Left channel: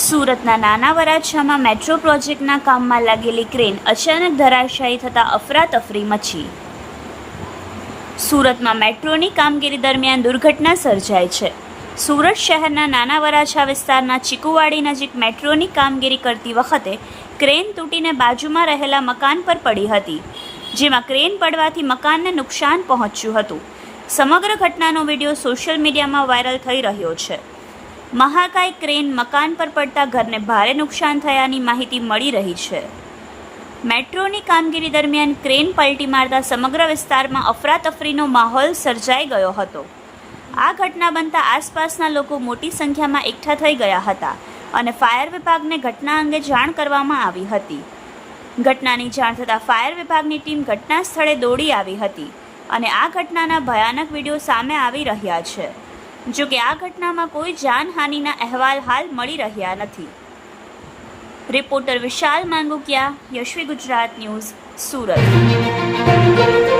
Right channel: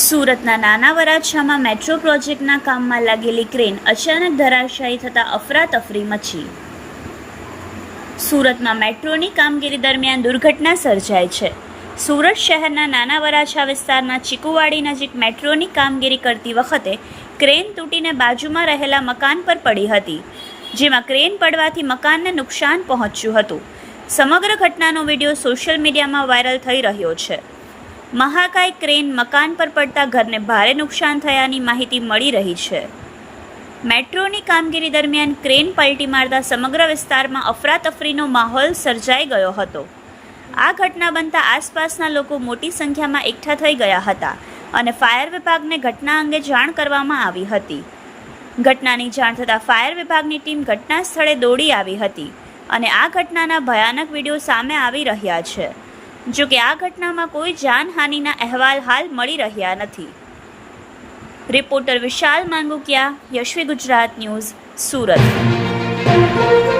સુરતના નાના વરાછામાં મેટ્રો પ્રોજેક્ટના કામમાં લાગેલી ક્રેન અચાનક ધરાશાયી થતાં અફરાતફરી મચી. સુરતમાં મેટ્રોની કામગીરી દરમિયાન દુર્ઘટના સર્જાઈ છે. સુરત શહેરના નાના વરાછા વિસ્તારના ચીકુવાડી નજીક મેટ્રોની કામગીરી કરતી વખતે ક્રેન તૂટીને બાજુમાં રહેલા મકાન પર પડી હતી, જેમાં ક્રેન પડવાથી મકાનને નુકસાન પહોંચ્યું હતું. સમગ્ર ઘટનાનો વિડીયો સોશિયલ મીડિયામાં વાયરલ થઈ રહ્યો છે. મહાકાય ક્રેન મકાન પર પડતા ઘરને ભારે નુકસાન થયાની માહિતી મળી રહી છે. મેટ્રોની કામગીરી દરમિયાન ક્રેન પલટી મારતા સમગ્ર વિસ્તારમાં અફરાતફરીનો માહોલ સર્જાઈ ગયો હતો. આ ઘટના બનતા આસપાસના લોકો મોટી સંખ્યામાં એકઠા થઈ ગયા હતા અને ફાયર વિભાગને ઘટના અંગે જાણ કરવામાં આવી હતી. ઘટનાની જાણ થતાં ફાયર વિભાગની ટીમ ઘટના સ્થળે દોડી આવી હતી અને આ ઘટનાના ભયાનક વિડીયો સામે આવી રહ્યા છે. જો કે આ ઘટનામાં કોઈ જાનહાનિના અહેવાલ હાલ મળી રહ્યા નથી. રિપોર્ટર વિશાલ માંગુકિયા, યશવી ગુજરાત ન્યૂઝ, સુરત.